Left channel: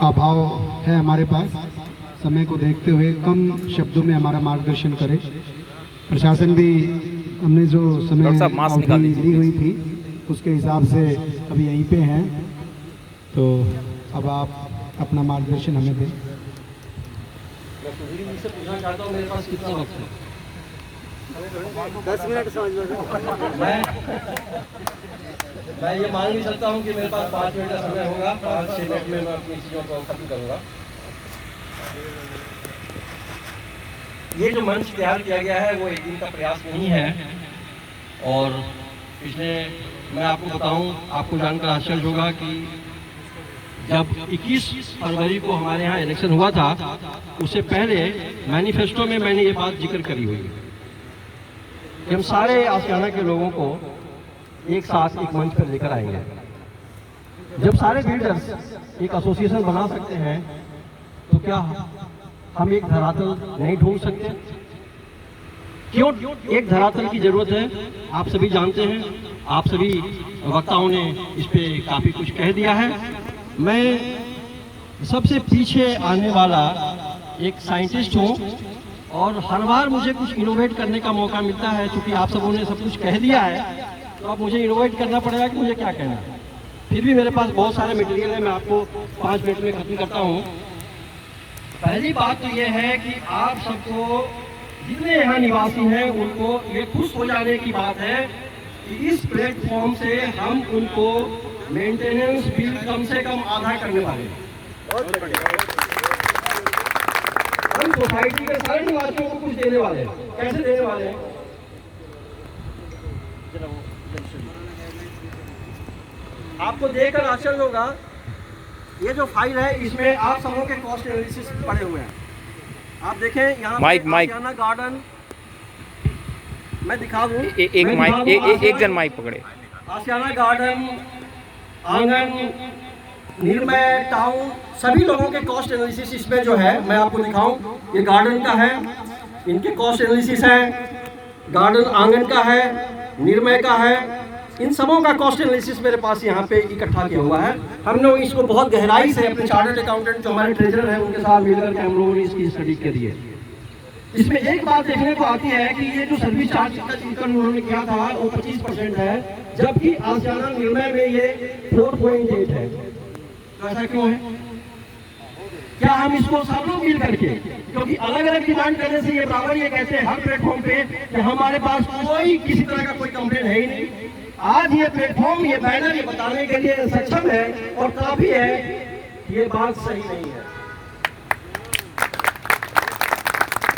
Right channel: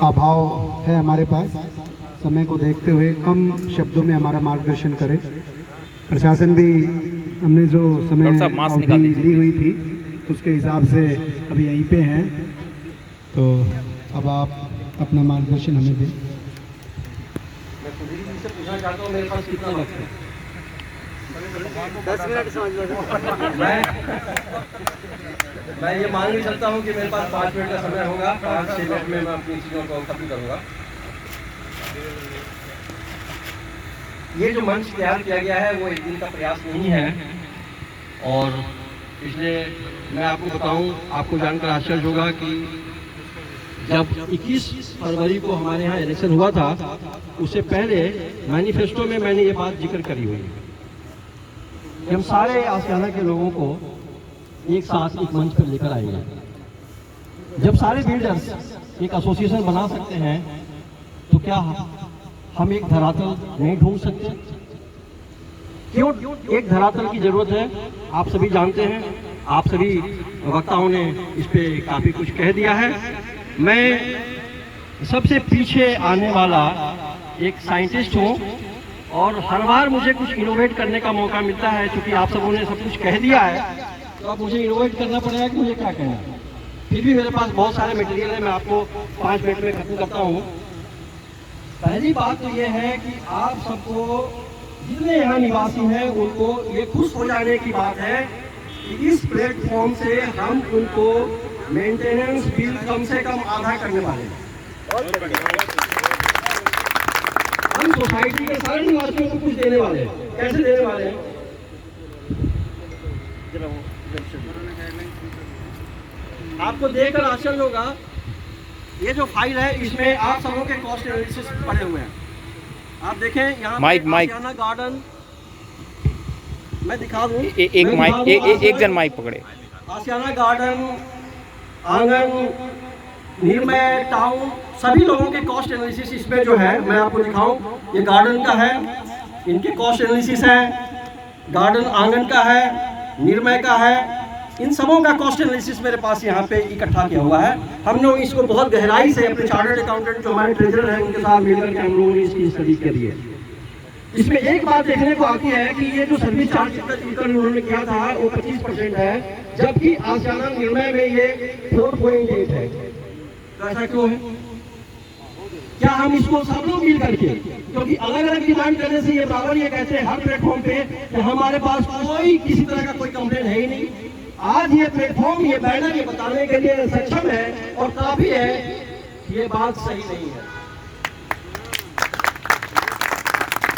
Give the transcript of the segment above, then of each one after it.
अभाव है हमारे पास, समय को देखते हुए कम शब्दों में हमारा मार्गदर्शन करें। प्रशासन भी हमने जो समय दी हुई थी उसके हिसाब से अभी यहीं पे हैं, तो अब आप अपना मार्गदर्शन हमें दें। पूछना चाहता हूँ मेरे पास कितना वक्त है? 10 मिनट मैं ये मान नहीं सकता हूँ कि मेरे पास 5 मिनट का समय होगा। 5-6 मिनट में मैं अपनी चीज़ों को खत्म करूँगा। ये जो मंच तैयार किया गया है वो एक दिन का प्रयास नहीं है, और पिछले मैं आपको बताऊं, आपको जानकर आश्चर्य होगा कि जब 21 फरवरी को हमारे यहाँ इलेक्शन हुआ था, उससे पहले मैनिफेस्टो में मैंने ये बात जिक्र करी हुई है कि हम सारे आशियाना के लोगों को एक साथ एक मंच पर लेकर आएंगे। जब सारे बिल्डर्स एक एसोसिएशन बना सकते हैं, तो क्या हम एक धरातल नहीं ढूंढ सकते? क्यों एक धरातल की जरूरत है? आप सभी जानते हैं, आप सभी वक्ताओं ने इस पे काफी कुछ कह दिया है। मैं सबसे पीछे आने वाला एक साइंटिस्ट हूँ, और हर बार मुझे कुछ इनोवेट करने का मौका मिलता है। क्योंकि आप सबों ने सब कुछ कह दिया है, तो अब मुझे इनोवेट करना पड़ेगा कि मुझे क्या कहना है। फिर भी मेरे पास बहुत सारे मटेरियल है, मैं आपको 5 मिनट में खत्म करता हूँ। पहली बात तो ये है कि आप सबको, जितने यहाँ निवासी हैं, उनको ये खुश हो जाने की बात है कि इस प्लेटफॉर्म से हम उनको मेंटेनेंस बिल कम से कम आधा करने वाले हैं। हम सोसाइटी के सारे निवासियों को कुछ देने वाले हैं। कैसे देने वाले हैं? आपको देखकर आश्चर्य होगा, ये जो फाइल है इसमें आप सबों के कॉस्ट एनालिसिस पड़े हुए हैं। आप देखें यहाँ आशियाना गार्डन, मैं दिखा दूं, एक जन माइक पकड़े। आशियाना गार्डन, आंगन, निर्मय टाउन, सभी लोगों के कॉस्ट एनालिसिस इसमें जो है मैं आपको दिखाऊं। ये गार्डन का है, इनके कॉस्ट एनालिसिस है। गार्डन आंगन का है, निर्मय का है, इन सबों का कॉस्ट एनालिसिस मेरे पास यहाँ पे इकट्ठा किया हुआ है। हम लोग इसको बहुत गहराई से अपने चार्टर्ड अकाउंटेंट जो हमारे ट्रेजरर हैं उनके साथ मिलकर के हम लोगों ने इसकी स्टडी करी है। इसमें एक बात देखने को आती है कि ये जो सर्विस चार्ज उन्होंने किया था वो 25% है, जबकि आशियाना निर्णय में ये 4.8 है। ऐसा क्यों है? क्या हम इसको सब लोग मिल करके, क्योंकि अलग अलग डिमांड करने से ये बराबर ये कहते हैं हर प्लेटफॉर्म पे कि हमारे पास कोई किसी तरह का कोई कंप्लेंट है ही नहीं। आज ये प्लेटफॉर्म, ये बैनर ये बताने के लिए सक्षम है और काफी है, ये बात सही नहीं है।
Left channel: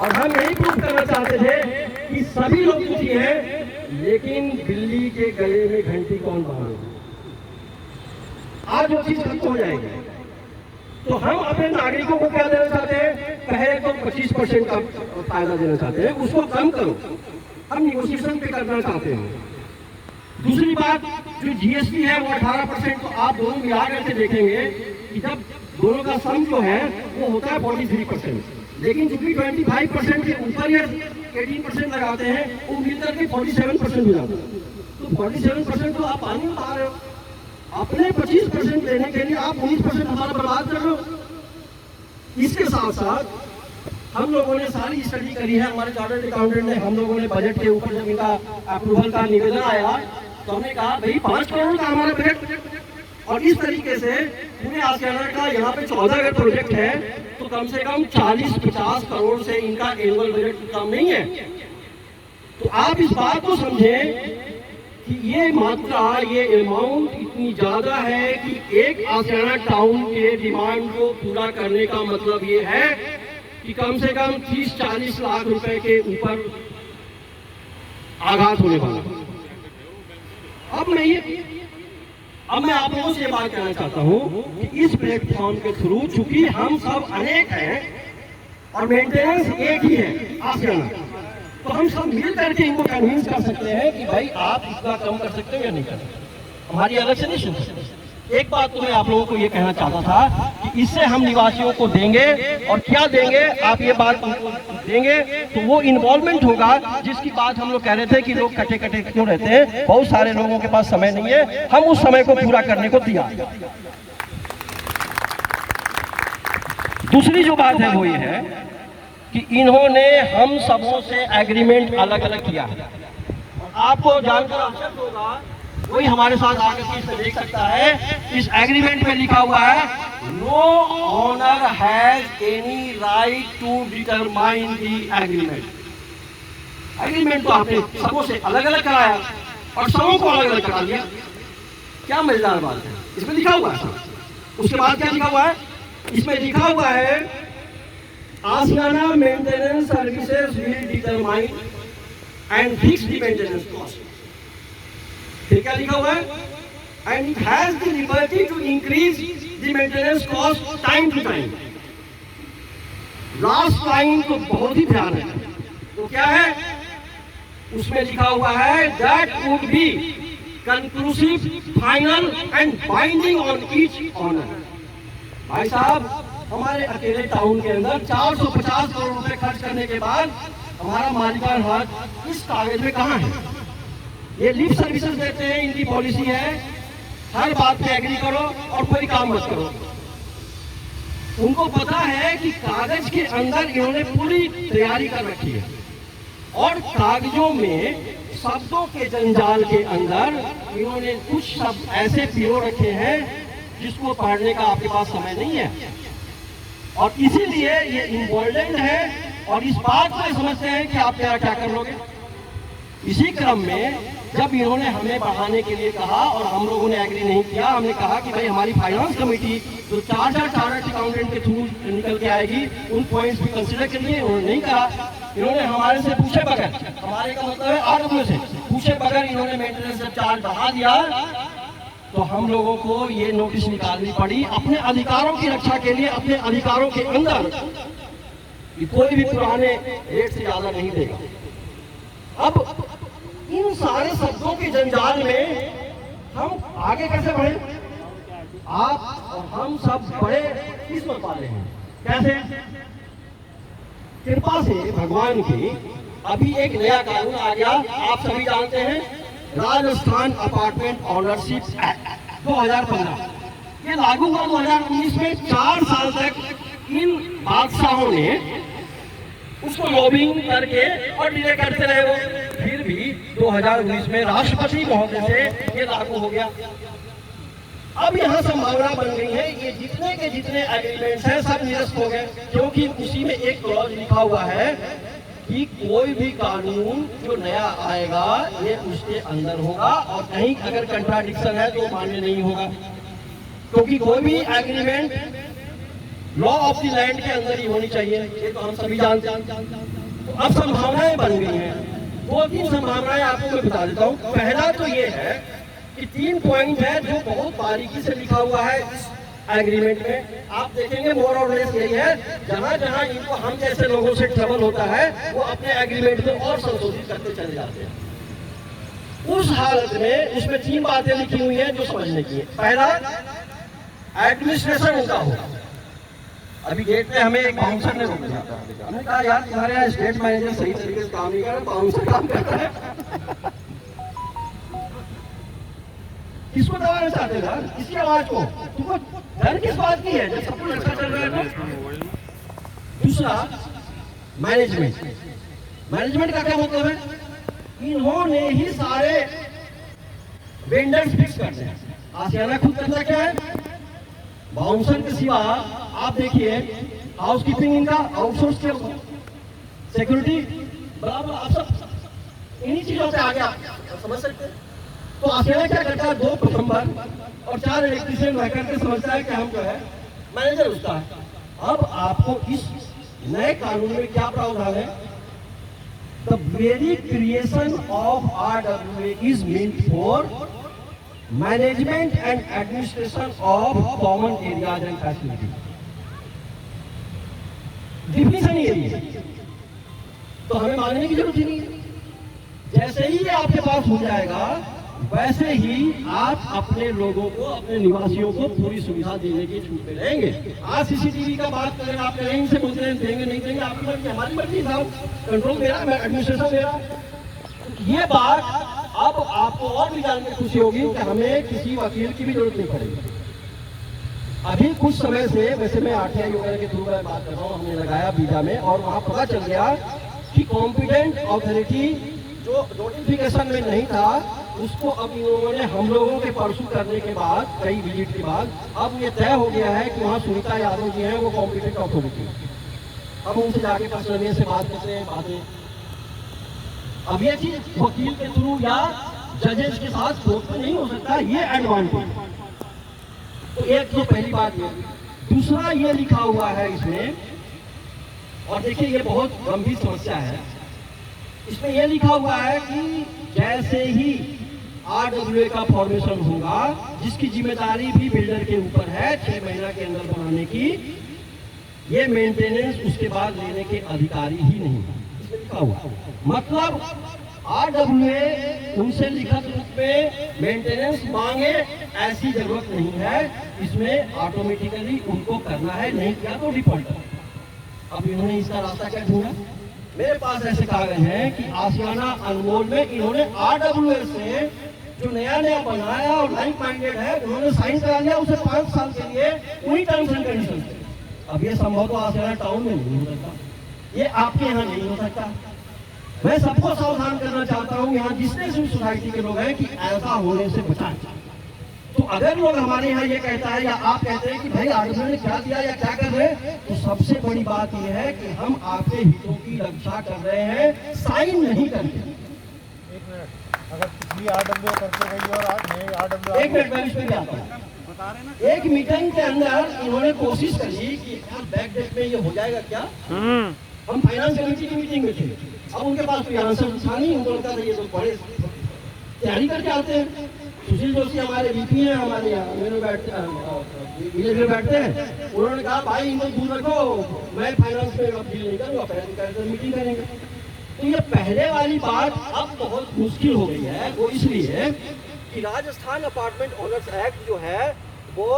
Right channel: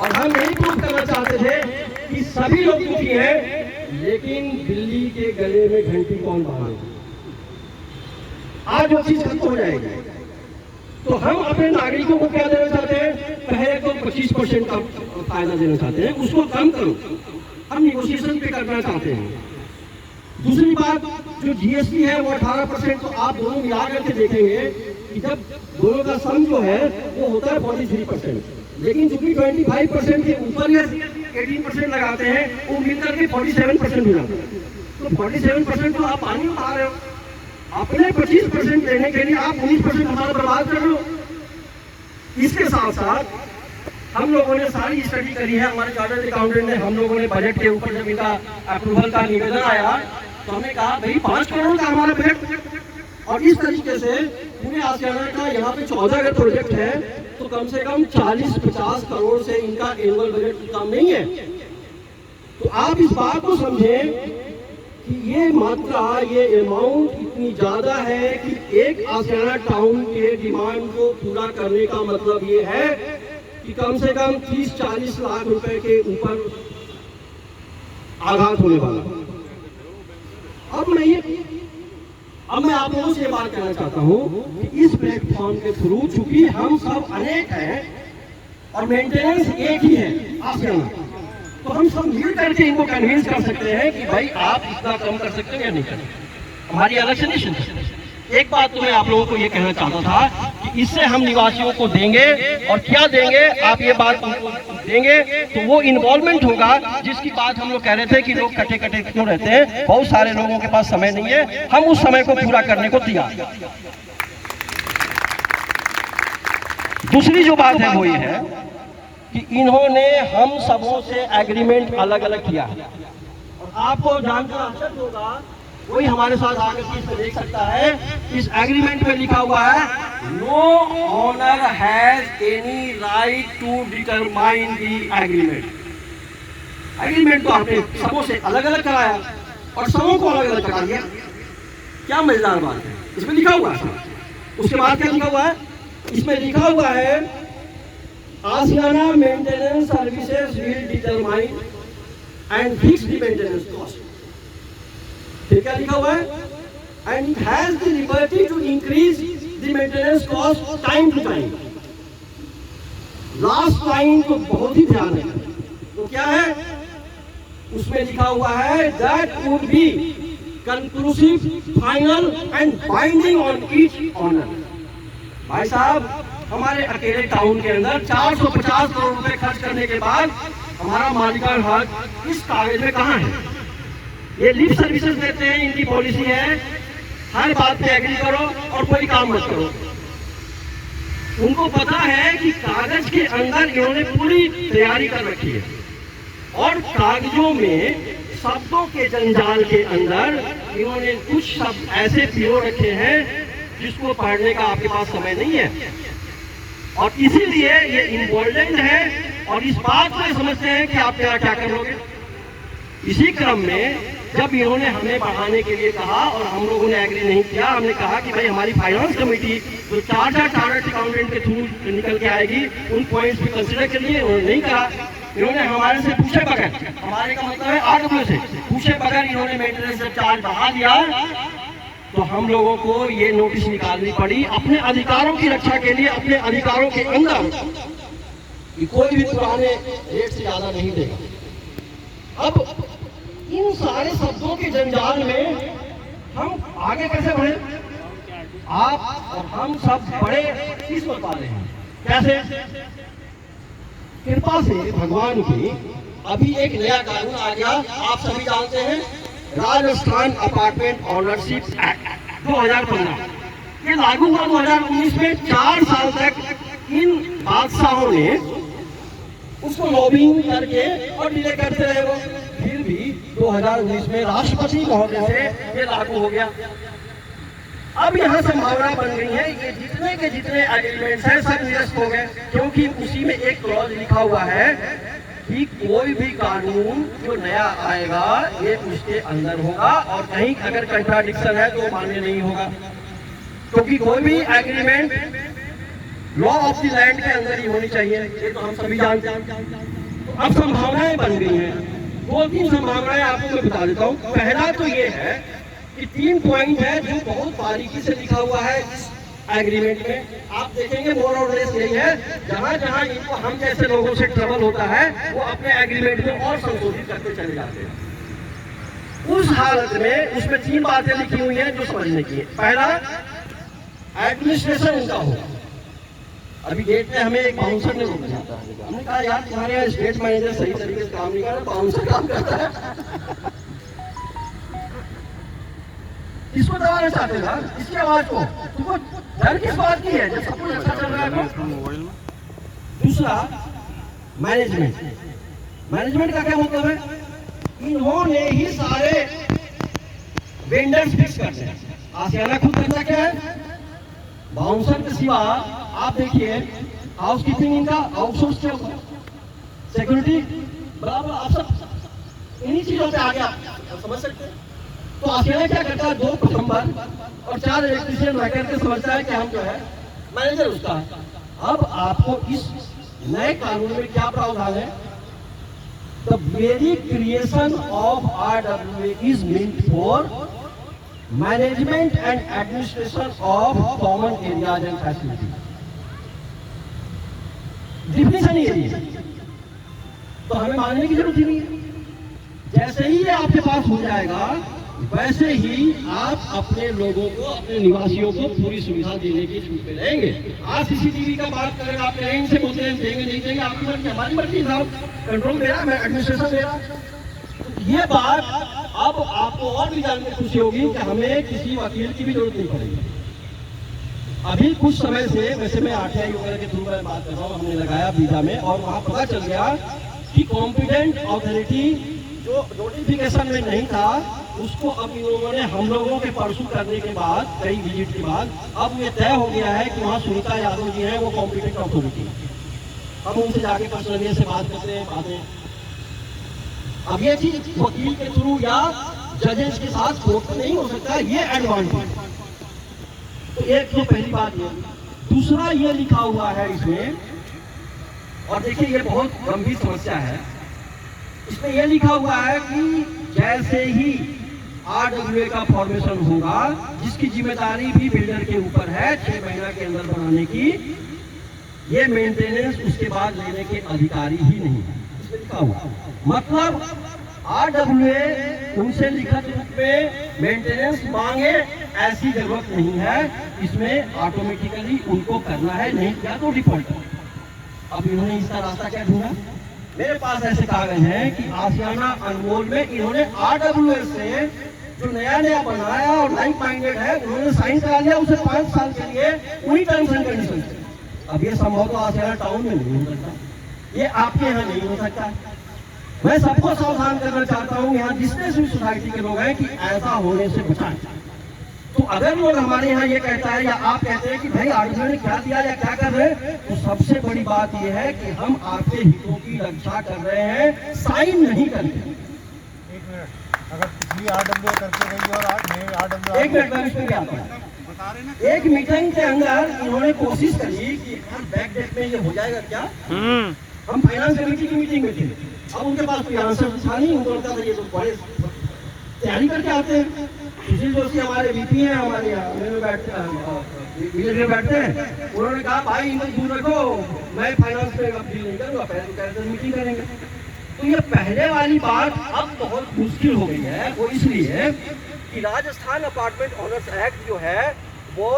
और हम यही प्रूव करना चाहते थे कि सभी लोग दुखी हैं, लेकिन बिल्ली के गले में घंटी कौन बांधेगा? आज वो चीज खत्म हो जाएगी। तो हम अपने नागरिकों को क्या देना चाहते हैं? पहले तो 25% का फायदा देना चाहते हैं, उसको कम करो। हम निगोशिएशन पे करना चाहते हैं। दूसरी बात, जो जीएसटी है वो 18%, तो आप दोनों मिला करके देखेंगे कि जब दोनों का सम जो है वो होता है 43%, लेकिन चूंकि 25% के ऊपर ये 18% लगाते हैं, वो मिलकर के 47% हो जाता है। तो 47% तो आप पानी उठा रहे हो। अपने 25% लेने के लिए आप 19% हमारा बर्बाद कर लो। इसके साथ साथ हम लोगों ने सारी स्टडी करी है, हमारे चार्टर्ड अकाउंटेंट ने, हम लोगों ने बजट के ऊपर जब इनका अप्रूवल का निवेदन आया तो हमने कहा भाई 5 करोड़ का हमारा बजट, और इस तरीके से पूरे आशियाना का यहाँ पे 14 अगर प्रोजेक्ट है तो कम से कम 40-50 करोड़ से इनका एनुअल बजट कम नहीं है। तो आप इस बात को समझें कि ये मात्रा, ये अमाउंट इतनी ज्यादा है कि एक आशियाना टाउन के डिमांड को पूरा करने का मतलब ये है कि कम से कम 30-40 लाख रुपए के ऊपर आघात होने वाला। अब मैं आप लोगों से ये बात कहना चाहता हूँ कि इस प्लेटफॉर्म के थ्रू, चूंकि हम सब अनेक हैं और मेंटेनेंस एक ही है आशियाना, तो हम सब मिल करके इनको कन्विंस कर सकते हैं कि भाई आप इतना कम कर सकते हो या नहीं कर सकते। हमारी अलग से नहीं। एक बात तो मैं आप लोगों को ये कहना चाहता था कि इससे हम निवासियों को देंगे, और क्या देंगे, आप ये बात उनको देंगे तो वो इन्वॉल्वमेंट होगा, जिसकी बात हम लोग कह रहे थे कि लोग कटे कटे क्यों रहते हैं, बहुत सारे लोगों के पास समय नहीं है, हम उस समय को पूरा करने को तैयार हैं। दूसरी जो बात है वो ये है कि इन्होंने हम सबों से एग्रीमेंट अलग अलग किया है। आपको जानकर आश्चर्य होगा, कोई हमारे साथ आकर के इसमें देख सकता है, इस एग्रीमेंट में लिखा हुआ है no owner has any right to determine the agreement. Agreement तो आपने सबों से अलग अलग कराया और सबों को अलग अलग करा दिया। क्या मजेदार बात है, इसमें लिखा हुआ है। उसके बाद क्या लिखा हुआ है, इसमें लिखा हुआ है Ashiana maintenance services will determine and fix the maintenance cost. फिर क्या लिखा हुआ है, and it has the liberty to increase the maintenance cost time to time. Last line तो बहुत ही भयानक है। तो क्या है, उसमें लिखा हुआ है that would be conclusive, final and binding on each owner. भाई साहब, हमारे अकेले टाउन के अंदर 450 करोड़ रुपए खर्च करने के बाद हमारा मालिकाना हक इस कागज में कहाँ है? ये लिप सर्विसेज देते हैं, इनकी पॉलिसी है हर बात पे एग्री करो और कोई काम मत करो। उनको पता है कि कागज के अंदर इन्होंने पूरी तैयारी कर रखी है और कागजों में शब्दों के जंजाल के अंदर इन्होंने कुछ शब्द ऐसे पिरो रखे हैं जिसको पढ़ने का आपके पास समय नहीं है, और इसीलिए ये इम्पोर्टेंट है और इस बात को समझते हैं कि आप क्या क्या करोगे। इसी क्रम में जब इन्होंने हमें बढ़ाने के लिए कहा और हम लोगों ने एग्री नहीं किया, हमने कहा कि भाई हमारी फाइनेंस कमेटी जो चार्टर्ड अकाउंटेंट के थ्रू निकल के आएगी उन पॉइंट्स भी कंसिडर के लिए उन्होंने नहीं कहा। इन्होंने हमारे से पूछे बगैर, हमारे का मतलब है RW से पूछे बगैर इन्होंने मेंटेनेंस चार्ज बढ़ा दिया, तो हम लोगों को ये नोटिस निकालनी पड़ी अपने अधिकारों की रक्षा के लिए, अपने अधिकारों के अंदर कि कोई भी पुराने रेट से ज्यादा नहीं देगा। अब इन सारे शब्दों के जंजाल में हम आगे कैसे बढ़े? आप और हम सब बड़े किस्मत वाले हैं। कैसे? कृपा से भगवान की अभी एक नया कानून आ गया, आप सभी जानते हैं, राजस्थान अपार्टमेंट ओनरशिप एक्ट 2015। ये लागू हुआ 2019 में। 4 साल तक इन बादशाहों ने उसको लॉबिंग करके और डिले करते रहे वो, फिर भी 2019 में राष्ट्रपति महोदय से ये लागू हो गया। अब यहाँ संभावना बन गई है ये जितने के जितने एग्रीमेंट्स हैं सब निरस्त हो गए, क्योंकि उसी में एक क्लॉज लिखा हुआ है कि कोई भी कानून जो नया आएगा ये उसके अंदर होगा और कहीं अगर कंट्राडिक्शन है तो मान्य नहीं होगा, क्योंकि कोई भी agreement law of the land के अंदर ही होनी चाहिए। ये तो हम सभी जानते हैं। तो अब संभावनाएं बन गई हैं। 2-3 संभावनाएं आपको मैं बता देता हूँ। पहला तो ये है कि 3 पॉइंट है जो बहुत बारीकी से लिखा हुआ है इस एग्रीमेंट में। आप देखेंगे मोर और लेस यही है, जहां जहां इनको हम जैसे लोगों से ट्रबल होता है वो अपने एग्रीमेंट में और संशोधित करते चले जाते हैं। उस हालत में उसमें 3 बातें लिखी हुई हैं जो समझने की है। पहला, एडमिनिस्ट्रेशन उनका होगा। अभी गेट पे हमें एक बाउंसर ने रोक दिया था, हमने कहा यार तुम्हारे यहाँ स्टेट मैनेजर सही तरीके से काम नहीं कर रहा, बाउंसर काम करता है। किसको दबाना चाहते था? इसकी आवाज को तुमको डर किस बात की है जब सब कुछ अच्छा चल रहा है? दूसरा, मैनेजमेंट का क्या मतलब है? इन्होंने ही सारे वेंडर्स फिक्स करते हैं। आशियाना खुद करता क्या है? बाउंसर के सिवा आप देखिए हाउस कीपिंग इनका आउटसोर्स किया हुआ, सिक्योरिटी बराबर, आप सब इन्हीं चीजों पे आगे आप समझ सकते हैं। तो आशियाना क्या करता है? 2 प्लम्बर और 4 इलेक्ट्रीशियन रह करके समझता है कि हम जो है मैनेजर उसका है। अब आपको इस नए कानून में क्या प्रावधान है? The very creation of RWA is meant for management and administration of common areas and facility. Definition यही है, तो हमें मानने की जरूरत ही नहीं है। जैसे ही ये आपके पास हो जाएगा वैसे ही आप अपने लोगों को, अपने निवासियों को पूरी सुविधा देने की छूट दे रहेंगे। आज CCTV का बात करें, आप लाइन से बोलते हैं देंगे नहीं देंगे, आपकी मर्जी हमारी मर्जी, साहब कंट्रोल दे रहा है, एडमिनिस्ट्रेशन दे रहा है। ये बात अब आपको और भी जानकर खुशी होगी कि हमें किसी वकील की भी जरूरत नहीं पड़ेगी। अभी कुछ समय से, वैसे मैं आरटीआई वगैरह के थ्रू मैं बात कर रहा हूँ, हमने लगाया वीजा में और वहाँ पता चल गया कि कॉम्पिटेंट अथॉरिटी जो नोटिफिकेशन में नहीं था उसको अब इन लोगों ने हम लोगों के परसू करने के बाद, कई विजिट के बाद, अब ये तय हो गया है कि वहाँ सुनीता यादव जी हैं वो कॉम्पिटेंट अथॉरिटी। हम उनसे जाके पर्सनली से बात करते हैं, बातें। अब ये चीज वकील के थ्रू या जजेस के साथ कोर्ट में नहीं हो सकता है, ये एडवांटेज। तो एक तो पहली बात ये होगी। दूसरा ये लिखा हुआ है इसमें, और देखिए ये बहुत गंभीर समस्या है, इसमें यह लिखा हुआ है कि जैसे ही RWA का फॉर्मेशन होगा, जिसकी जिम्मेदारी भी बिल्डर के ऊपर है 6 महीना के अंदर बनाने की, ये मेंटेनेंस उसके बाद लेने के अधिकारी ही नहीं है, इसमें लिखा हुआ। मतलब RWA उनसे लिखित रूप में मेंटेनेंस मांगे ऐसी जरूरत नहीं है, इसमें ऑटोमेटिकली उनको करना है, नहीं किया तो डिफॉल्ट। अब इन्होंने इसका रास्ता क्या ढूंढा? मेरे पास ऐसे कागज हैं कि आशियाना अनमोल में इन्होंने RWA से जो नया नया बनाया और लाइक माइंडेड है, उन्होंने साइन करा लिया उसे 5 साल के लिए उन्हीं टर्म्स एंड कंडीशन से। अब ये संभव तो आशियाना टाउन में नहीं हो सकता, ये आपके यहाँ नहीं हो सकता। मैं सबको सावधान करना चाहता हूँ यहाँ जितने भी सोसाइटी के लोग हैं कि ऐसा होने से बचाएं। तो अगर लोग हमारे यहाँ ये कहता है या आप कहते हैं कि भाई RWA ने क्या दिया या क्या कर रहे हैं, तो सबसे बड़ी बात ये है कि हम आपके हितों की रक्षा कर रहे हैं, साइन नहीं करते। एक मिनट, अगर पिछली RWA करते रही और नए RWA, एक मिनट मैं इसमें क्या आता हूँ। एक मीटिंग के अंदर इन्होंने कोशिश करी कि हर बैक डेट में ये हो जाएगा क्या। हम फाइनेंस कमेटी की मीटिंग में थे, अब उनके पास कोई आंसर था नहीं, उनको लगता था ये तो बड़े तैयारी करके आते हैं। सुशील जोशी हमारे VP हैं, हमारे यहाँ बैठते हैं, उन्होंने कहा भाई इनको दूर रखो, मैं फाइनेंस में डील नहीं करूँगा, पहले कैसे मीटिंग करेंगे। तो ये पहले वाली बात अब बहुत मुश्किल हो गई है, वो इसलिए कि राजस्थान अपार्टमेंट ओनर्स एक्ट जो है वो,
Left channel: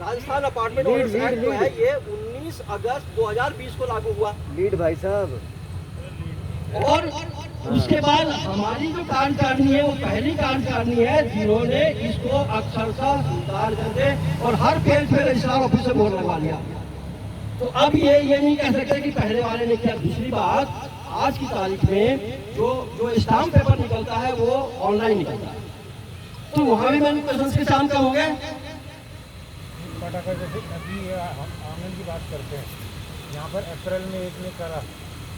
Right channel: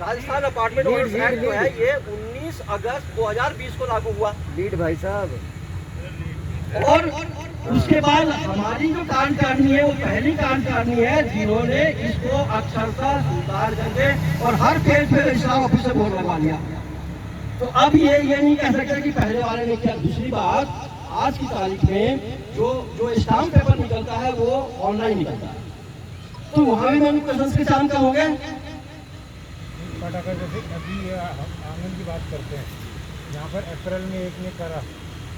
राजस्थान अपार्टमेंट ओनर्स एक्ट जो है ये 19 अगस्त 2020 को लागू हुआ। लीड भाई साहब। और उसके बाद हमारी जो कार्यकारिणी है वो पहली कार्यकारिणी है जिन्होंने इसको अक्षरशः स्वीकार करके और हर पेज पे रजिस्ट्रार ऑफिस से बोल लगा लिया। तो अब ये नहीं कह सकते कि पहले वाले ने क्या। दूसरी बात, आज की तारीख में जो स्टाम्प पेपर निकलता है वो ऑनलाइन निकलता है, तो वहाँ भी मैनिपुलेशन के काम कम हो गए। बट अगर जैसे अभी आंगन की बात करते हैं, यहाँ पर अप्रैल में एक ने करा,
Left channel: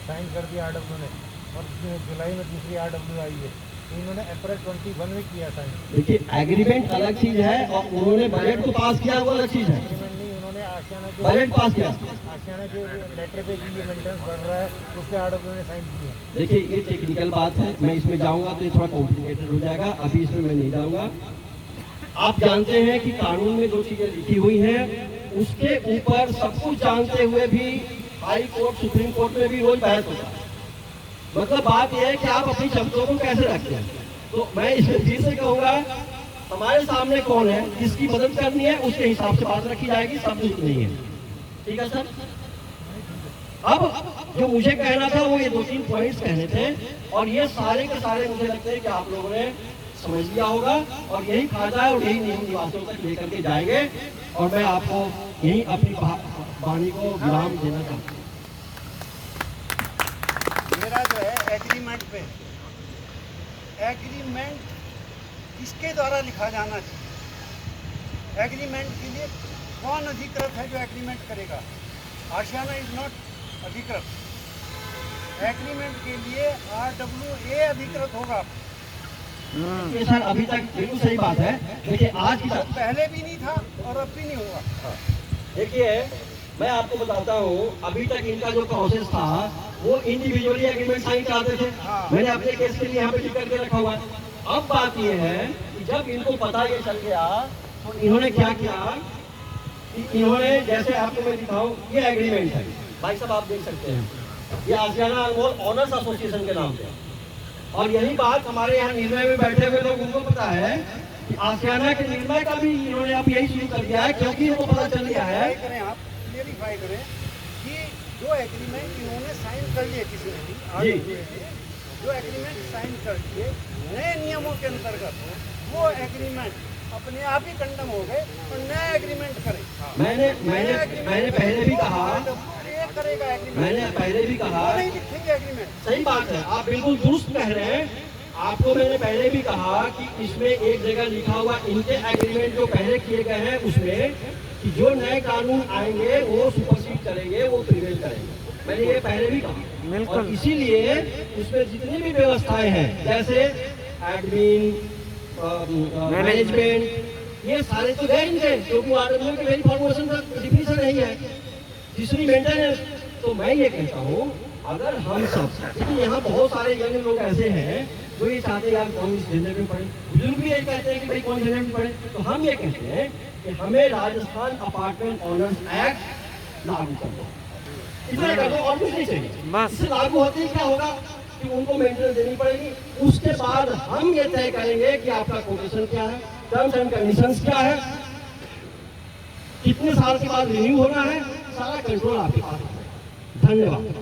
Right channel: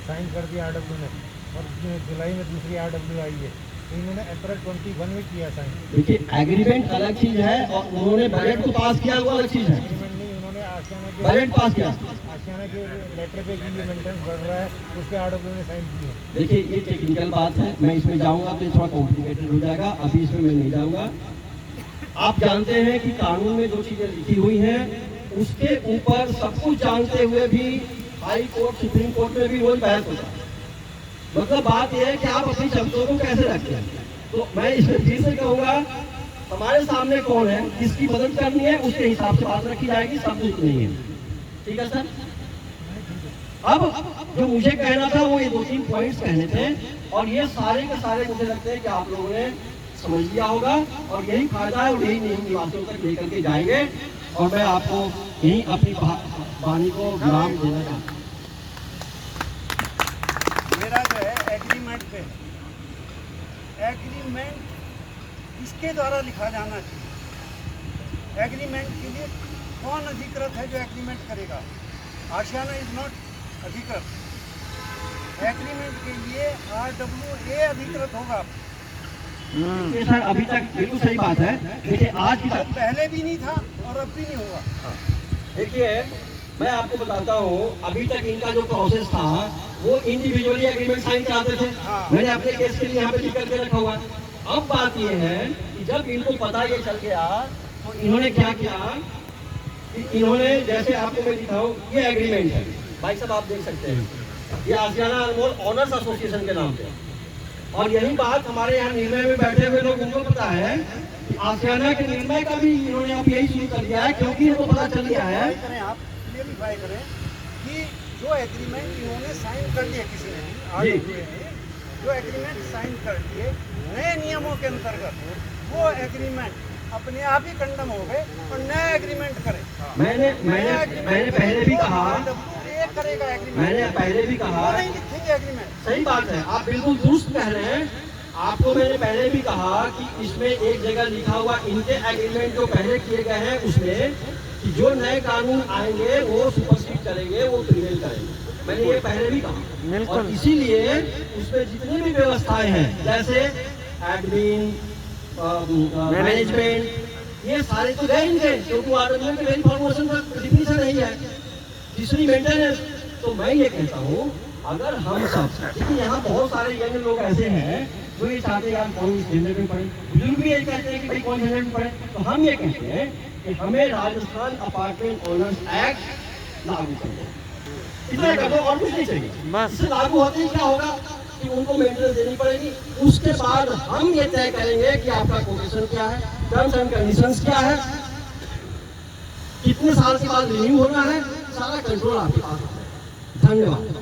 साइन कर दिया RWA ने, और जुलाई में दूसरी RWA आई है, तो इन्होंने अप्रैल 21 में किया साइन। देखिए एग्रीमेंट अलग चीज है और उन्होंने बजट को पास किया वो अलग चीज है। एग्रीमेंट नहीं, उन्होंने आशियाना के बजट पास किया, आशियाना के लेटर पे की ये मेंटेनेंस बढ़ रहा है, उस पर RWA ने साइन की है। देखिए ये टेक्निकल बात है, मैं इसमें जाऊंगा तो ये थोड़ा कॉम्प्लिकेटेड हो जाएगा, अभी इसमें मैं नहीं जाऊंगा। आप जानते हैं कि कानून में जो चीजें लिखी हुई हैं उसके ऊपर सब कुछ जानते हुए भी हाई कोर्ट, सुप्रीम कोर्ट में भी वही बहस होता है। मतलब बात यह है कि आप अपनी शब्दों को कैसे रखते हैं। तो मैं इस चीज से कहूँगा, हमारे सामने कौन है, किसकी मदद करनी है, उसके हिसाब से बात रखी जाएगी, सब कुछ नहीं है। ठीक है सर। अब जो मुझे कहना था वो ये 2-3 पॉइंट्स कहने थे, और ये सारे के सारे मुझे लगता है कि आप लोगों ने समझ लिया होगा, और यही फायदा है और यही नींव निवासियों तक लेकर के जाएंगे। और मैं आपको यही अपनी वाणी को विराम देना चाहता हूँ। मेरा जो है एग्रीमेंट पे, एग्रीमेंट किसके द्वारा लिखा जाना चाहिए, एग्रीमेंट के लिए कौन अधिकृत है जो एग्रीमेंट करेगा। आशियाना इज नॉट अधिकृत, एग्रीमेंट के लिए RWA अधिकृत होगा। ये सर अभी तक बिल्कुल सही बात है। देखिए आज की तो पहले भी नहीं था और अब भी नहीं होगा। देखिए मैं आपको बताता हूँ, अभी तक इनका जो प्रोसेस था वो इंडिविजुअली एग्रीमेंट साइन कराते थे। मैंने अपने केस के लिए यहाँ पे लिख करके रखा हुआ। अब बात ये है कि जब इनको पता ये चल गया तो इन्होंने क्या किया कि इन्होंने, जैसे आपको मैं दिखाऊं, ये एग्रीमेंट है भाई साहब, आप देख सकते हैं, ये आशियाना अनमोल ऑनर्स एसोसिएशन के नाम पे। और यही बात हमारे यहाँ निर्णय में बैठे हुए लोग, उनको पता है कि आशियाना के निर्णय का भी इन्होंने अब यही शुरू कर दिया है, क्योंकि इनको पता चल गया है। आप क्लियरिफाई करें कि जो एग्रीमेंट इन्होंने साइन कर लिया, किसी ने भी RWA ने जो एग्रीमेंट साइन कर दिए नए नियमों के अंतर्गत, वो एग्रीमेंट अपने आप ही कंडम हो गए और नया एग्रीमेंट करें। मैंने पहले भी कहा, ये करेगा एग्रीमेंट। मैंने पहले भी कहा, वो नहीं लिखेंगे एग्रीमेंट। सही बात है, आप बिल्कुल दुरुस्त कह रहे हैं। आपको मैंने पहले भी कहा कि इसमें एक जगह लिखा हुआ इनके एग्रीमेंट जो पहले किए गए हैं उसमें कि जो नए कानून आएंगे वो सुपरसीड करेंगे, वो प्रिवेल करेंगे। मैंने ये पहले भी कहा और इसीलिए उसमें जितनी भी व्यवस्थाएं हैं जैसे एडमिन, मैनेजमेंट, ये सारे तो गए इनके, क्योंकि आरडब्ल्यू के मेन फॉर्मेशन का डिफिनीशन नहीं है। तीसरी मेंटेनेंस। तो मैं ये कहता हूँ अगर हम सब, लेकिन यहाँ बहुत सारे यंग लोग ऐसे हैं जो ये चाहते हैं यार कौन इस झंझट में पड़े, बुजुर्ग भी ये कहते हैं कि भाई कौन झंझट में पड़े। तो हम ये कहते हैं कि हमें राजस्थान अपार्टमेंट ओनर्स एक्ट लागू कर दो, इतना कर दो और कुछ नहीं चाहिए। इससे लागू होते ही क्या होगा कि उनको मेंटेनेंस देनी पड़ेगी। उसके बाद हम ये तय करेंगे कि आपका कोटेशन क्या है, टर्म्स एंड कंडीशंस क्या है, कितने साल के बाद रिन्यू होना है, सारा कंट्रोल आपके पास होता है। धन्यवाद।